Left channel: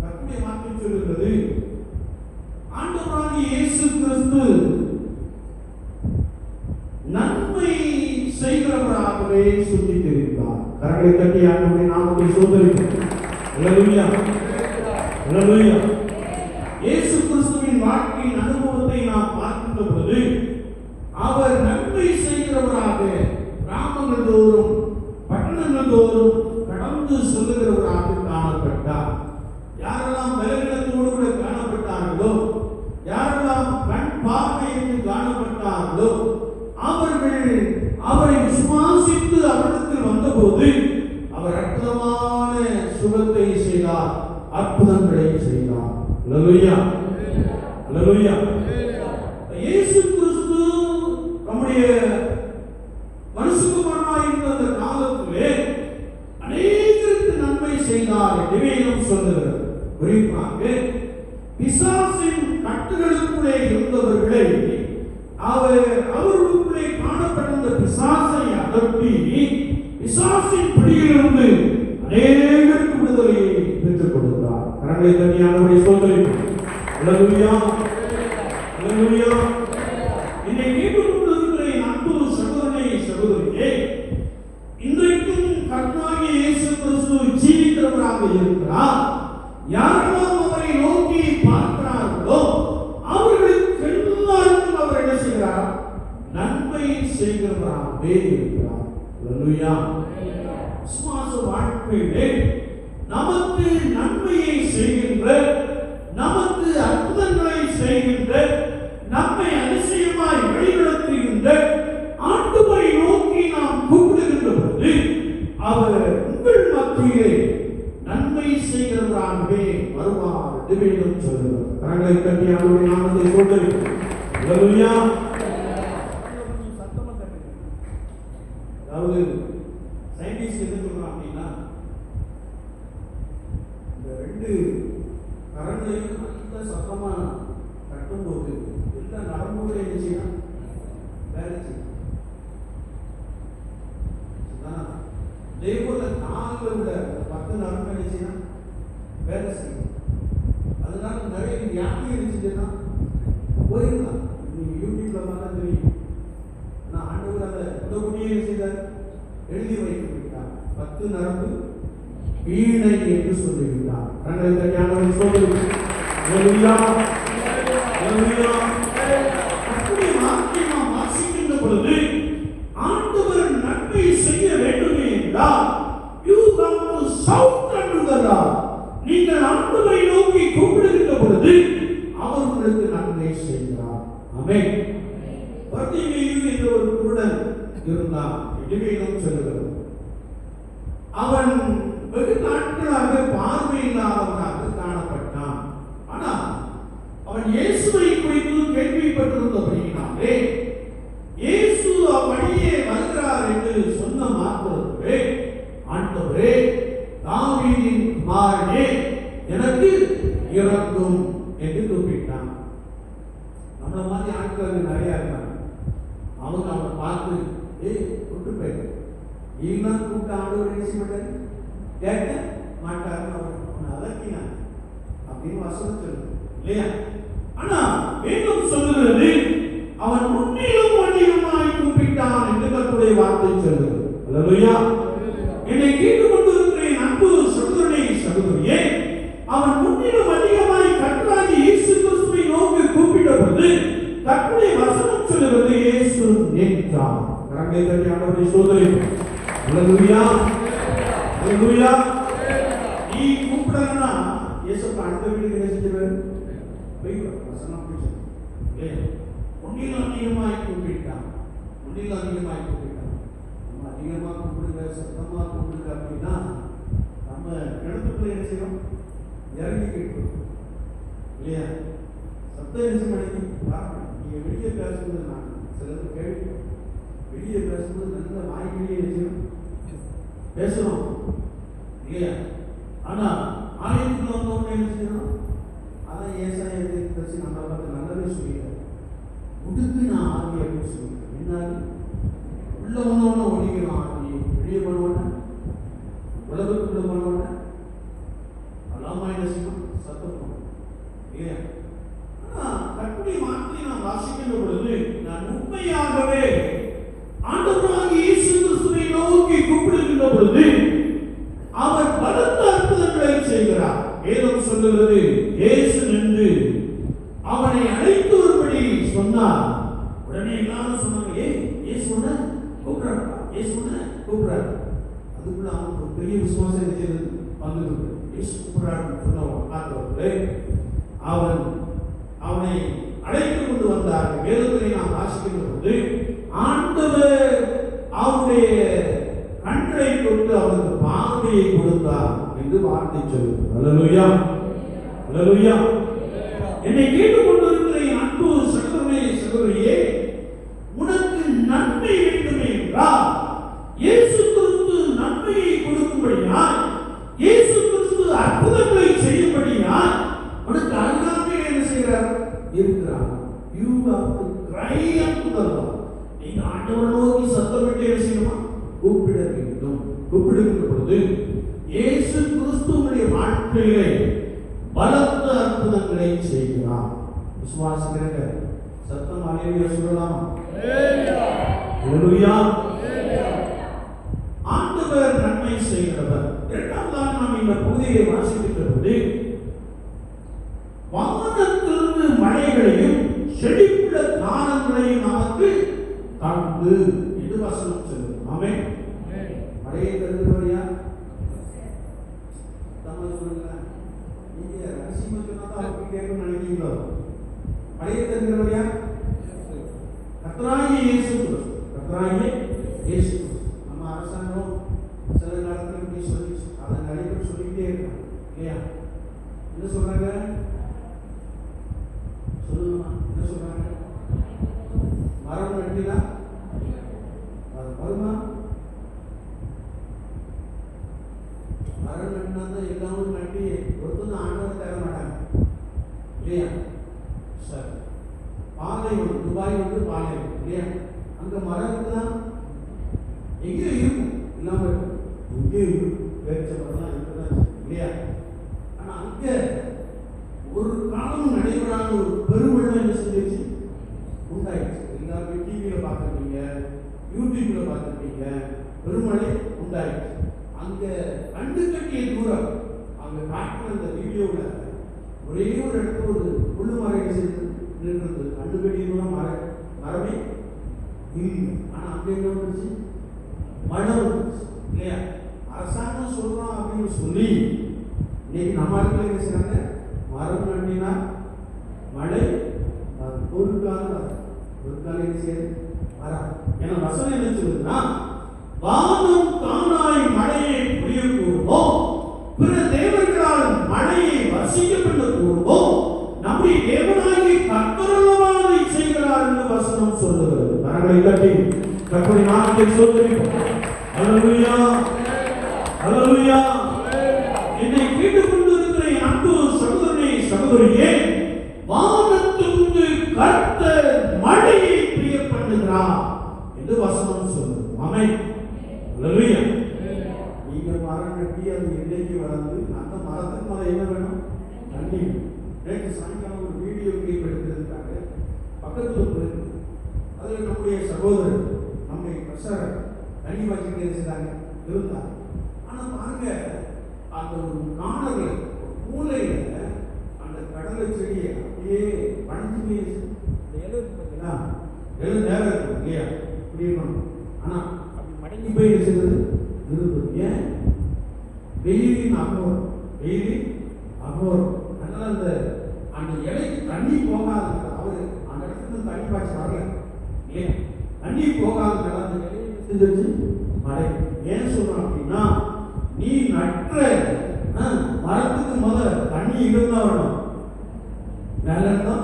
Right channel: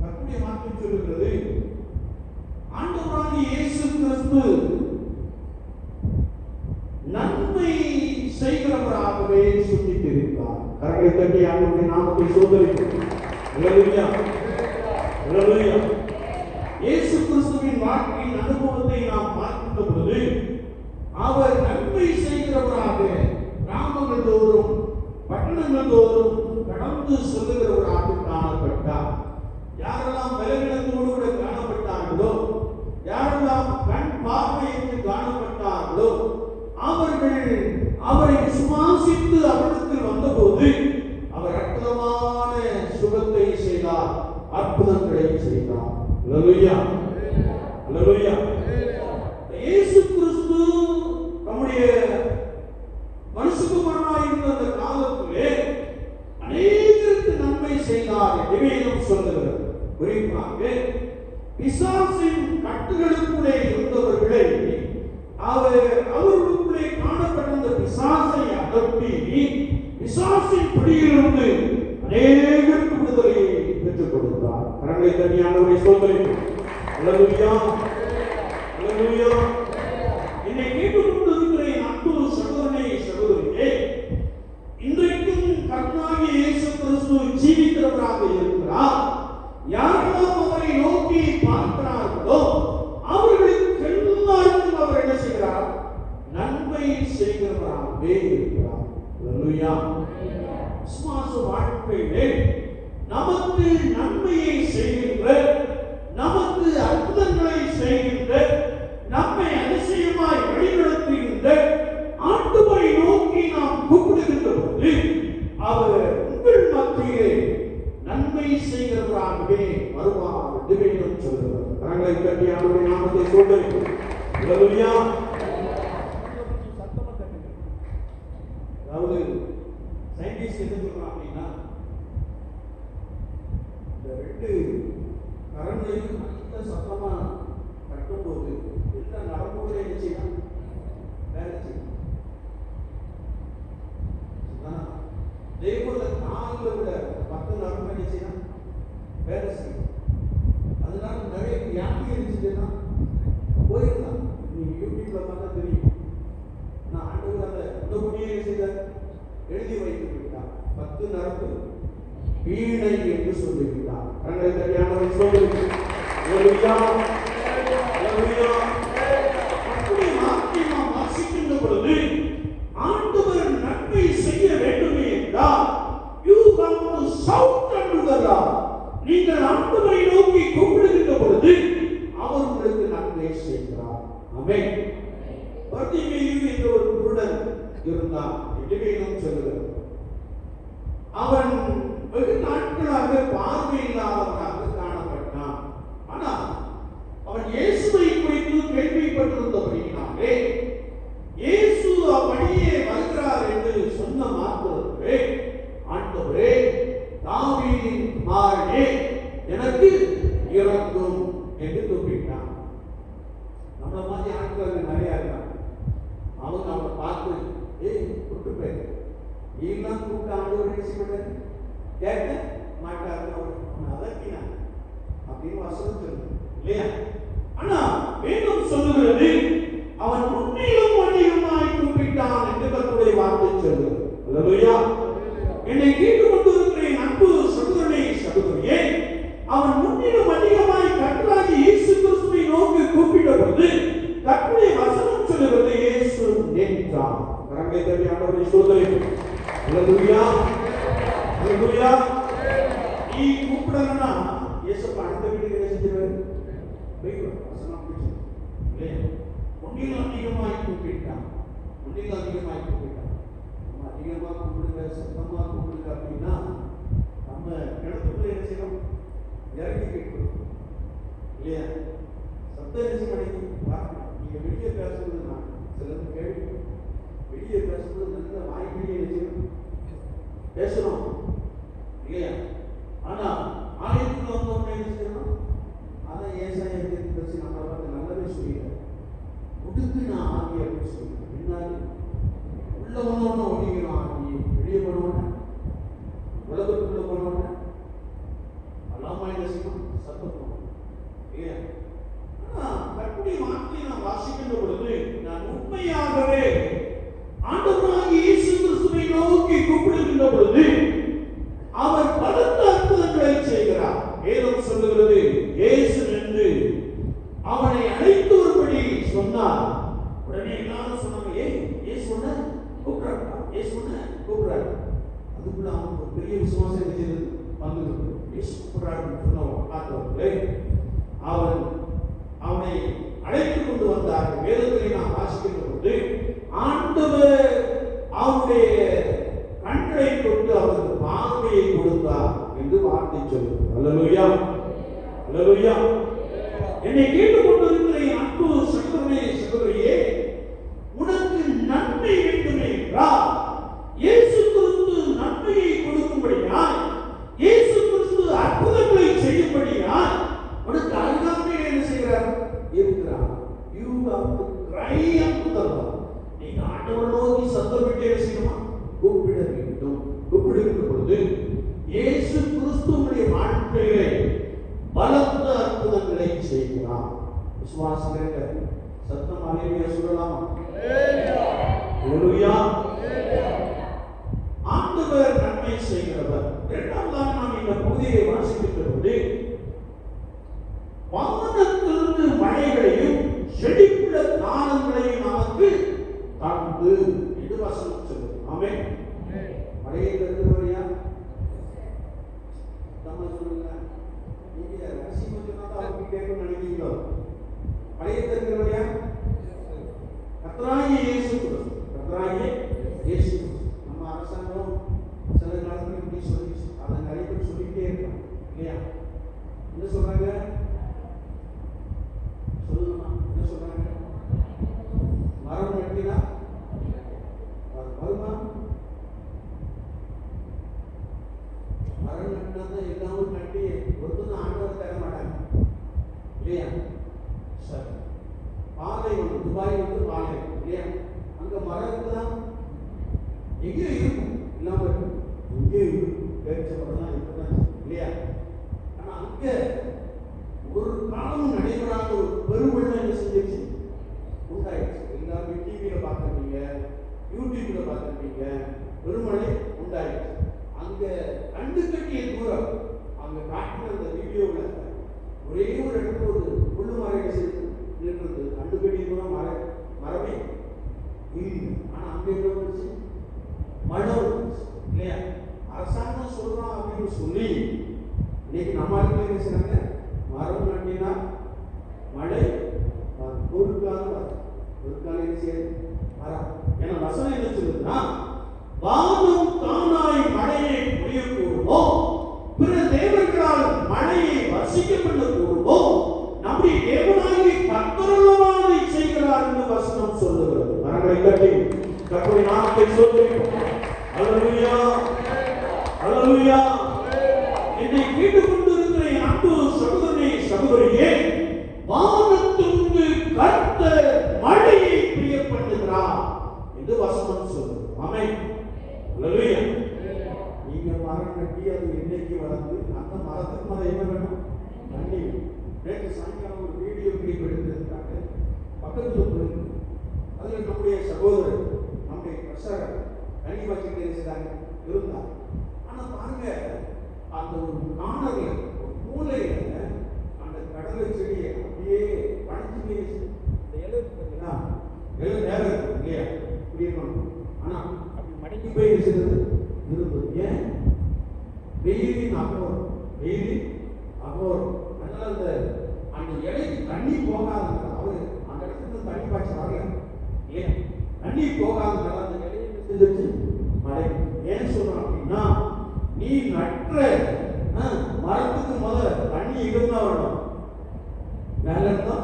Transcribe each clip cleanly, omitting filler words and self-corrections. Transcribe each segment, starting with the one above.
கர்த்தருடைய வார்த்தை சொல்லுகிறது, ஆண்டவராகிய இயேசு கிறிஸ்து நன்மை செய்கிறவராகவே சொல்லி தெரிவித்தார். கரங்களை தட்டி ஆண்டவருடைய நாமத்தை ஸ்தோத்திரிக்கிறோம். அல்லேலூயா, அல்லேலூயா. இயேசு கிறிஸ்துவின் வாழ்க்கையின் அனுபவத்தை நாம் பார்க்கின்ற பொழுது அவர் நன்மை செய்கிறவராக கிராமங்கள் தோறும் பட்டணங்கள் தோறும் கடந்து செல்லுகிறவராக காணப்பட்டார். யாரெல்லாம் பலவீனத்தோடு கூட காணப்பட்டார்களோ, யாரெல்லாம் கண் பார்வையின்றி காணப்பட்டார்களோ, அவர்கள் அவரை விசுவாசித்து அவரிடத்தில் வந்தபோது அவர் அற்புதமான சுகத்தை செய்தார், அற்புதங்களை செய்தார். அல்லேலூயா, அல்லேலூயா. இயேசு கிறிஸ்து நம்முடைய மனுஷகுமாரனாய் இருந்த அந்த காலத்திலே அநேகருக்கு நன்மை செய்தார் என்று வேதம் சொல்கிறது. குறிப்பாக பிசாசின் கட்டுகளுக்குள்ளே இருந்தவர்களை அவர்களுக்குள்ளே காணப்பட்ட பிசாசை அகற்றி பிசாசின் பிடியிலிருந்து அநேகருக்கு விடுதலையை பெற்றுக் கொடுத்தார். கரங்களை தனியானவரை சொல்கிறேன். அல்லேலூயா, அல்லேலூயா. என்னை கேட்டுக்கொண்டிருக்கிற அன்பு சகோதரனே, சகோதரியே, இன்றைக்கும் கர்த்தராகிய இயேசு கிறிஸ்து ஜீவிக்கிறவராக இருக்கிறார். யாரெல்லாம் அவரை நோக்கி பார்க்கிறார்களோ அவர்களுக்கு எல்லாருக்கும் அவர் என்ன செய்கிறார்? நன்மை செய்கிறவராகவே இருக்கிறார். அல்லேலூயா. விசுவாச வாழ்க்கையிலே நமக்கு நன்மையை செய்கின்ற, நமக்கு அற்புதங்களை செய்கின்ற, நம்மை அதிசயமாய் வழிநடத்துகின்ற ஆண்டவரை நோக்கி நாம் கூப்பிடுகின்ற போது அவர் உங்கள் மத்தியிலே நன்மை செய்கிறவராகவே வருவார் என்று வேதம் சொல்கிறது. கரங்களை தட்டி அவருடைய நாமத்தை கொண்டு அல்லேலூயா. அதாவது சயின்டிஸ்ட் என்ன சொல்றாங்க அப்படின்னா, இந்த ரெண்டு கரங்களையும் நல்ல சத்தமா கட்டும்போது எல்லா நரம்புகளும் என்ன செய்யணும்? வேலை செய்யணும். அதேபோல நாங்கள் உள்ள 10 நரம்பு என்ன செய்யணும்? வேலை செய்யணும். அதனால நிறைய வியாதி இருந்துச்சுன்னா போயிடலாம். நீங்க யூடியூப்ல பார்த்தா தெரியும். நான் ஆண்டவர் அதை இந்த குடியை என்ன செய்தார்? எழுதி வைத்துவிட்டார். 10 நரம்பு வீணை என்று சொல்லிவிட்டார். கரங்களை ஞானவன் சொல்லுங்கள். அல்லேலூயா, அல்லேலூயா. அப்படியே வார்த்தை நாம் வாசிக்கின்ற பொழுது ஆண்டவர் நன்மை செய்ய வேண்டுமே என்றால் you have to shout unto the Lord. நீங்கள் ஆண்டவரை நோக்கி கூப்பிடுகின்ற பொழுது அவர் உங்களுக்கு நன்மை செய்கிறார். ஆமென். பர்திமேயு என்ற ஒரு குருடன் இருந்தான். வேதம் சொல்கிறது, அவன் வெகு நாட்களாக பார்வை இல்லாதவனாக காணப்பட்டான். ஆனால் அவன் இயேசுவை குறித்து கேள்விப்பட்டிருந்தபடியினாலே இயேசு அப்படியே வருகிறார் என்று சொன்ன மாத்திரத்திலே, ஆண்டவரே தாவீதின் குமாரனே எனக்கு இரங்கும் என்று கூப்பிட்டான். நம்மள மாதிரி ஆட்கள் நிறைய இருக்காங்க. அவங்க அவனை பார்த்து கூப்பிட்டு போயிட்டு நீதான் கூப்பிட்டு ஆண்டவர் என்ன செய்யப்பட்டாரு? கேட்க மாட்டாரு, அதற்கினான் அப்படின்னு வசனம் சொல்லுது இல்லையா? ஆனா வேதம் சொல்லுகிறது அவன் உன்னிலும் அதிகமாய் கூப்பிட்டான் என்று கர்த்தருடைய வார்த்தை சொல்லுகிறது. அல்லேலூயா. என்னை கேட்டுக்கொண்டிருக்கிற அன்பு சகோதரனே, சகோதரியே, அவன் உன்னிலும் அதிகமாய் கர்த்தராகிய இயேசு கிறிஸ்துவை நோக்கி கூப்பிட்டபோது கர்த்தருடைய வசனம் சொல்லுகிறது, இயேசு நின்றார். கரங்களை தட்டி ஆண்டவரை ஸ்தோத்திரிக்கிறோம். அல்லேலூயா, அல்லேலூயா. நீ கூப்பிடலன்னா இயேசுப்பா அடுத்த வீட்டுக்கு என்ன செஞ்சிருவாரு? வசனம் இல்லையா? ஒன்னில் அதிகமாய் கூப்பிட்டான், ஒன்னில் அதிகமாய் கூப்பிட்டான். நம்ம அதிகமாக கூப்பிடுங்க, சத்தமாக கூப்பிடுங்க அப்படின்னா நம்ம கிணத்துக்குள்ள என்ன செய்யணும்? இறங்கி கேட்கணும் இல்லையா? சத்தம் என்ன செய்ய மாட்டேங்குது. நீங்க வெளியே பேசுறது நான் சிலது கேட்கும். வெளியே பேசுறது நல்ல வாய்ப்பிலேயே என்ன செய்யணும்? பேசணும் இல்லையா? ஆனா ஆலயத்துக்கு வந்தவங்க என்ன செய்யணும்? ஆனா ஏசாயா தீர்க்கதரிசி நம்மளை பார்த்து நல்லதே சொல்லிட்டார். உடுத்து நான் ஆகி அப்படின்னு சொல்லிட்டேன். என்ன உள்ள வந்தவொன்னு ஒடிக்கிறோம், ஆகி வெளியே பண்ணுவோன்னு உலகத்துக்குள்ள போனவன அல்லாம என்ன செய்யணும்? சத்தம் ஏன் கட்டி மாற்றி நாம் வாசிக்கின்ற பொழுது நான் உண்மையாகவே ஆண்டவராகிய இயேசு கிறிஸ்துவை நோக்கி கூப்பிடுகின்ற பொழுது அவர் பலத்த அற்புதங்களை செய்கிறார். வேதம் சொல்லுகிறது, இயேசு நின்று அவனை அழைத்து வரும்படி சொன்னார். உடனே எல்லாரும் சொன்னாங்க, இயேசு உன்னை கூப்பிடுறாங்க, இயேசு உன்னை கூப்பிடுறாங்க. அதுக்குள்ள அவனுக்கு ஒரு பெரிய விசுவாசம் செய்தது வந்து இயேசு கூப்பிடுறான்னு சொன்னவன் பார்த்தவர்களே அவனை அழைத்து கொண்டு வந்தார்கள். வேதத்தை நாம் வாசிக்கின்ற போது ஆண்டவர் அவருடைய கண்களை கொண்டு அவருக்கு பார்வையை கொடுத்தார் என்று வார்த்தை சொல்லுது. அல்லேலூயா, அல்லேலூயா. என்னை கேட்டுக் கொண்டிருக்கிற என் அன்பு சகோதரனே, சகோதரியே, உனக்கு நன்மை வேண்டுமே என்றால் இயேசு கிறிஸ்து நன்மையை கொடுக்கும்படியால், இயேசு கிறிஸ்து அற்புதங்களை செய்யும்படியால் உனக்கு அருகாமையில் என்ன செய்கிறார்? இருக்கிறார். You have to cry unto the Lord. நீங்க ஆண்டவரை நோக்கி சத்தமிட்டு என்ன செய்யணும்? கூப்பிட வேண்டும். கூப்பிடுகின்ற பொழுது இயேசு கிறிஸ்துவுடைய வாழ்க்கையிலே பலத்த அற்புதங்களை செய்கிறார். விசுவாசிக்கிறீர்கள்? சத்தம் அல்லேலூயா சொல்லலாம். அல்லேலூயா. ஆண்டவர் நன்மை செய்கிறவர். இரண்டாவதாக நாம் இந்த பகுதியை வாசிக்கின்ற பொழுது வானத்திலிருந்து மழைகளையும் செழிப்புள்ள காலங்களையும் நமக்கு தந்து என்று வசனம் சொல்லுது. ஆமென். மழையை தருகிறவரையா நம்ம சொல்லுங்க. நீங்க ரசிமத்துக்கு அவருக்கு கேட்கணும்னு நினைக்கிறீங்களோ? மழையை தருகிறவரையா கர்த்தராகிய இயேசு கிறிஸ்து. கர்த்தராகிய இயேசு கிறிஸ்து. நம்ம அரசாங்கம் சில நேரத்தில் இப்படி சொல்லி அதை நிறைய பேர் சொல்லிக்கிட்டே இருக்காங்க இல்லையா? என்ன சொல்றாங்க? சொல்லுமா, என்ன சொல்றாங்க? மரம் நட்டினா அது வருமா? மரம் நட்டினா தான் எல்லாரும் நட்டி ஒருத்தர் ஆண்டவர் தர மாட்டாங்க இல்லையா? சரி, பாலைவனம், துபாய் வந்து பாலைவனம் இல்லையா? அங்க மரம் இருக்குன்னா எங்கேயோ இருக்கும், இல்லாம இருக்கும், எங்கேயோ இருக்கும், பேரிச்சம்பழம் இருக்குதான் இல்லையா? ஆனா அங்க ஒரு காலமும் நடைபெறாத ஒரு பெருவெள்ளம் என்ன சொல்லிச்சு? உண்டாயிடுச்சு. எல்லாரும் டிவியில பார்த்துருப்பீங்க, யூடியூப்ல பார்த்துருப்பீங்க, பெருமழை உண்டாயிடுச்சு. அங்க கண்டு கட்டிய தூரம் அங்க காட்டுற அந்த வீடியோல ஒரே ஒரு இடத்துல ஒரு முள்ளு மரம் நின்றது. கண்டு கட்டிய தூரம் மரபி இல்லை. ஆனா அங்க என்ன வந்துச்சு? மழை வந்துச்சு இல்லையா? அரசாங்கம் சொல்றோம் அப்படின்னு சொல்லி இன்னைக்கு நம்ம ஆட்கள் என்ன செய்றாங்க? மரம் நட்டினா மழை ஒரு காலம் என்ன செய்யுது? வராது. ஏன்னா வசனம் என்ன சொல்லுதுன்னா, வானம் தானாய் மழையை பொழிய கூறுமோ, பிற தேவர்களால் மழையை வசிக்க பண்ண கூறுமோ, நம்முடைய தேவனாகிய கர்த்தரமானதை செய்கிறார் என்று வசனம் சொல்லுகிறது. கரங்களை தட்டி கர்த்தருடைய நாமத்தை ஸ்தோத்திரிப்போம். அல்லேலூயா, அல்லேலூயா. என்னை கேட்டுக்கொண்டு இருக்கிற என் அன்பு சகோதரனே, சகோதரியே, வானத்திலிருந்து கர்த்தர் மழையை பெய்ய பண்ணுகிறார் என்று வசனம் சொல்லுது. ஆமென். அல்லேலூயா. நீங்க மரம் கட்டி அது இன்றைக்கு வளர்ந்து அந்த மரத்துக்கு மேல என்ன வேணும்? தண்ணி. நேற்று சாயங்காலம் ஒரு வீடியோ கிளிப் எடுத்திருக்காங்க, பக்கத்துல போயிருக்கு. அதில் நம்முடைய சகோதரர், நம்முடைய பிரசாரர் தண்ணி பாய்ச்சிட்டு இருக்கிறாங்க இருந்தாங்க. ஆனா பாருங்க, அந்த ஒரு காணல மூலையில அந்த கடலை செடியை அப்படியே வளைஞ்சு நேரம் இருக்கும் இல்லையா? இப்படி இருக்கணும். ஆனா மடங்கி போய் இருக்கிறது இருந்தது. ஏன்? வெயிலின் அகோரம், வெயிலின் அகோரம். அதனால அந்த இலைக்கு தண்ணி போகாத அவரு அந்த இடத்துல தண்ணி பாய்ச்சி வரல. ஏன் தண்ணி போகாத அந்த இலையை செஞ்சிருச்சு மழை. ஏன் சொல்றோம் அப்படின்னா, நீ நற்ற மரத்துக்கு முதல் தண்ணி இருந்தா வரணும், மேல இருந்தா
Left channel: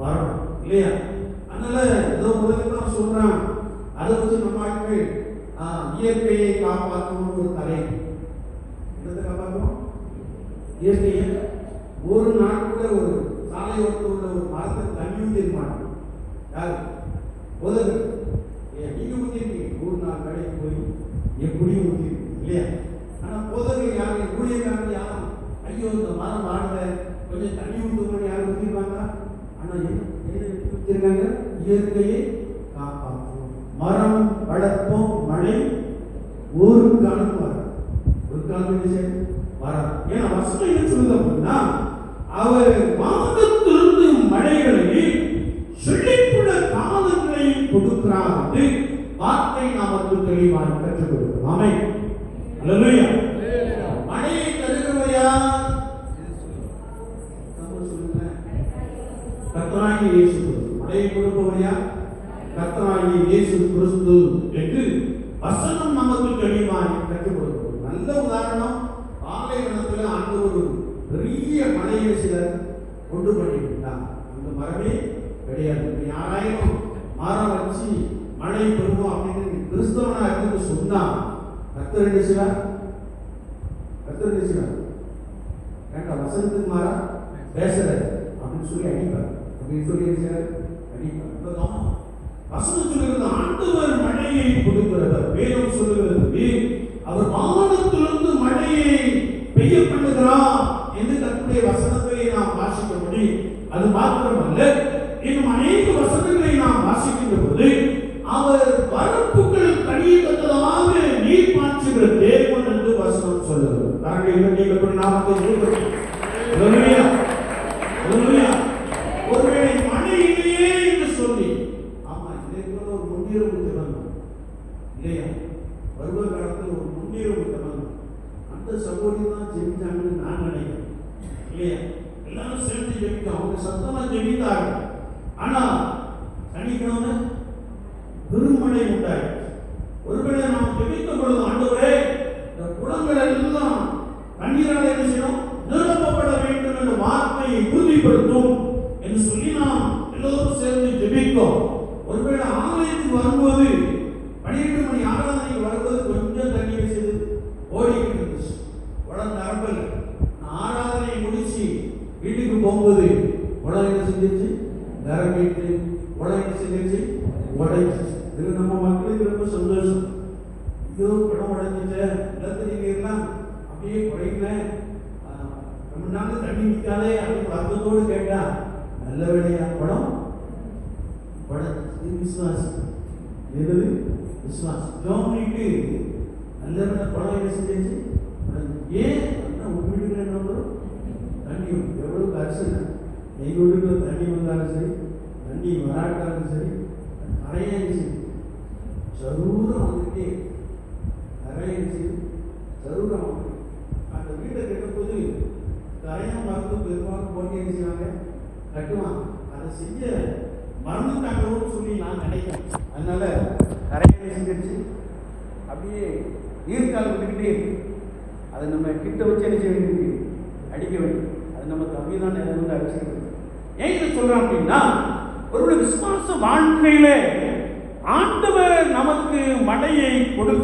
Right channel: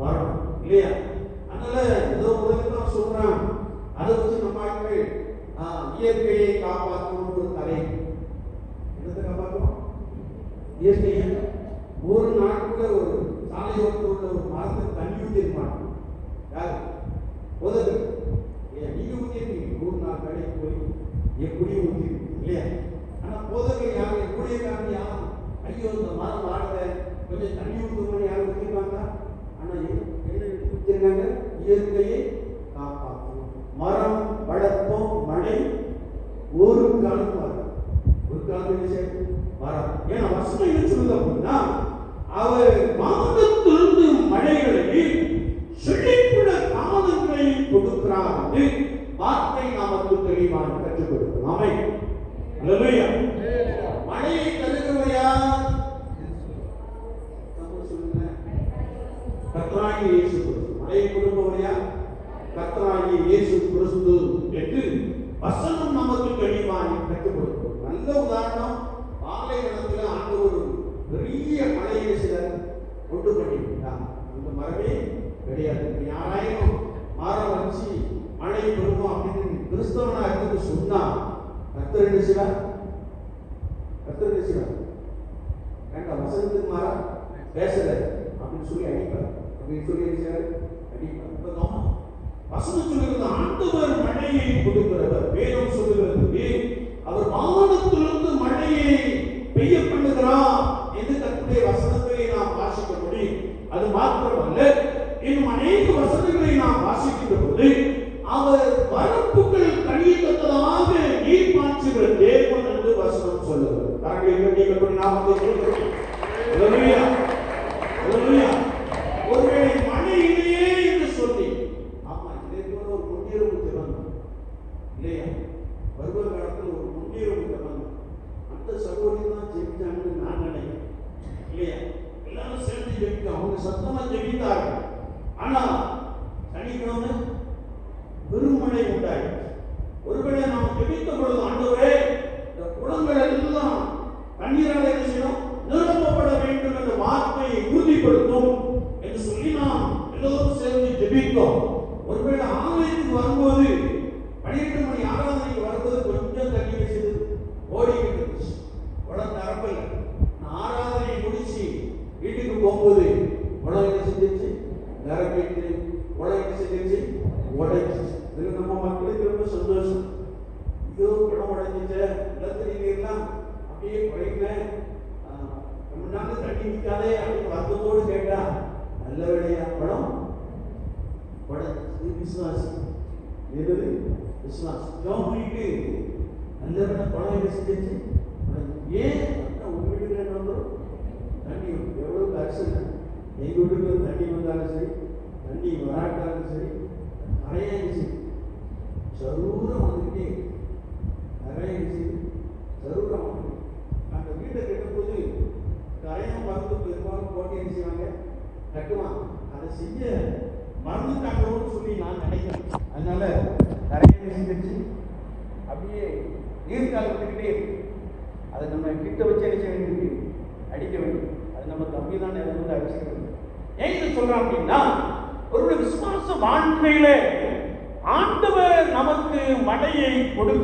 வரணும் இல்லையா? அதனால ஏதோ முதல்ல சொல்றான், அதை வச்சு நம்ம ஆட்கள் இயற்கையை காப்பாற்றும் ஒரு கலை. என்னத்தை காப்பாற்றும்? இயற்கையை. ஒரு நாள் கூட ஒரு சாலை ஓரத்தில் ஒரு மரத்தை தண்ணி ஊற்றிருப்பாங்க. யாரு? உதவி நீங்க ஊற்றிருக்கீங்க. ஒரு நாள் கடைக்கு போய் எப்படி ஊற்றிருக்கீங்க இல்லையா? ஆனா போதகர் யாரும் ஊழியக்காரங்க யாரும் ஐயோ இந்த மரம் வாடல கொஞ்சம் தண்ணி ஊற்றுமணி யாரும் ஊற்றிப்பாங்க. ஆனா என்ன ஊற்றிருக்காங்க? இயற்கையை காப்பாற்றும் மரம் வளர்ப்போம் மழை ஒரு காலம் வரும் ஒரு காலம் வரும். ஏன்னா வசனம் என்ன சொல்லுது அப்படின்னா அவர் வானத்திலிருந்து மழைகளை செழிப்புள்ள காலங்களை கொடுக்கிறார் என்று வார்த்தை நமக்கு தெளிவாக கற்றுக் கொடுக்கிறோம். ஆமென். அல்லேலூயா. மழையை தருகிறவர் யார்? கர்த்தராகிய இயேசு கிறிஸ்து. மழையை கொடுப்பவர் யார்? கர்த்தராகிய இயேசு கிறிஸ்து என்று வசனம் நமக்கு தெளிவாக கற்றுக் கொடுக்கிறோம். நல்ல உதாரணம், பாலைவனத்தில் ஆண்டவர் ஒரு பெரிய மலையை சிலர் கொண்டு பண்ணிவிட்டாங்க. அந்த மரமே கிடையாது. யாராயிரம் மரம் வச்சு மழை பெறுவோம் அப்படின்னு கிறிஸ்தவனா இருந்து சொன்னா கர்த்தர் என்ன செய்வார்? ஏன்டா வசனத்துக்கு மாறா பேசல அப்படின்னு சொல்லி அடிப்பார். அப்படின்னு சொல்லி அடிப்பார். வசனம் சொல்லுகிறது ஆண்டவர் மழையை கொடுக்கிறவர். வேதம் சொல்லுகிறது அவர் வானத்திலிருந்து மழையை பெய்ய பண்ணுகிறார் என்று கர்த்தருடைய வசனத்தை நாம் வாசிக்க முடியும். அது மாத்திரமல்ல, இன்னும் அநேக வசனங்களை நாம் வாசிக்கின்ற போது அவர் வரப்புகள் கடியத்தக்கதாக நீர் பாய்ச்சுகிற தேவன் என்று வசனம் சொல்லுகிறது. ஒருவேளை மழையிலேயே என்று சொல்லி ஆமா இதற்கு ஒரு முன்னுரிமை தராங்க இல்லையா? வருவ காலத்தில் ஒரு முன்னுரிமை தராங்க. அந்த சகோதரி தான் ஜெயிச்சாங்கன்னு நான் நினைக்கிறேன் இல்லையா? எல்லாரும் சேர்ந்து ஜெயிக்க அவங்க சத்தமா ஜெயித்தாங்க. ஆனா சனிக்கிழமை பெருமழை உண்டாயிடுச்சு. ஒருவேளை நாம் ஜெயித்த பொழுது ஆண்டவரே இந்த குளங்கள் எல்லாம் தண்ணீரால் என்ன செய்யணும்? நிரப்பப்பட வேண்டும் என்ற வார்த்தையை உறுதிப்படுத்தும் என்று சொல்லி நாம் எல்லோரும் சேர்ந்து ஜெபித்தோம். ஒருவேளை ஆலயத்துக்கு வரும்போது 12 மணி ஆராதனைக்கு வரும்போது கொஞ்சம் தண்ணீர் செய்து ஓடிக்கிட்டு இருந்துச்சு. உடனே நிரப்பல. ஆராதனையை முடிச்சு வீட்டுக்கு போகும்போது உடனே என்ன செஞ்சிருச்சு? நிரம்பிட்டு உடனே என்ன செஞ்சிருச்சு? உடைச்சு. இது நம்ம மக்களுக்கு ரொம்ப சந்தோஷம். ஐயோ குடம் உடைஞ்சிட்ட நிலத்தடி நீர்லாம் அப்படியே குறையில ரொம்ப நாள் தண்ணி நிற்காதே அப்படின்னு வருத்தத்தோடு கேட்டா நல்ல வேலையா குடம் உடைச்சு. விசுவாசம் என்னது? விசுவாசம். ஜோம் பண்ணிட்டு நல்ல வேலை குடம் என்ன செஞ்சிருச்சு? ஏன் உங்க வீட்டுக்கு என்ன வந்தோம்? தண்ணி எவ்வளவு அரிசல் எங்க வீட்டுல தண்ணி வந்தாலும் சரி தண்ணி வராட்டாலும் சரி நிறைய சரூரம் வந்துட்டே நிறைய சரூரம் அந்த வீட்டை கட்டும்போது கரையம் பார்த்து பெருமாள் போட்டி என்ன செய்வாங்க? கட்டுவாங்க. அதை செய்ய மறந்துட்டாங்கன்னு சொல்லி நான் நினைக்கிறேன். அதனால கரையை செஞ்சிருச்சு அப்படியே நீர்காலத்துக்கிட்டே அதை நம்ம கிட்ட வச்சு அடிக்க வேண்டியது அடிக்க வேண்டும். அது நம்ம தம்பி தான் நினைவு அடிச்சிருக்கணும். ஏன் சொல்றேன் அப்படின்னா ஒரு விசுவாச வாழ்க்கையிலே ஆண்டவர் நமக்கு மழையை கொடுக்க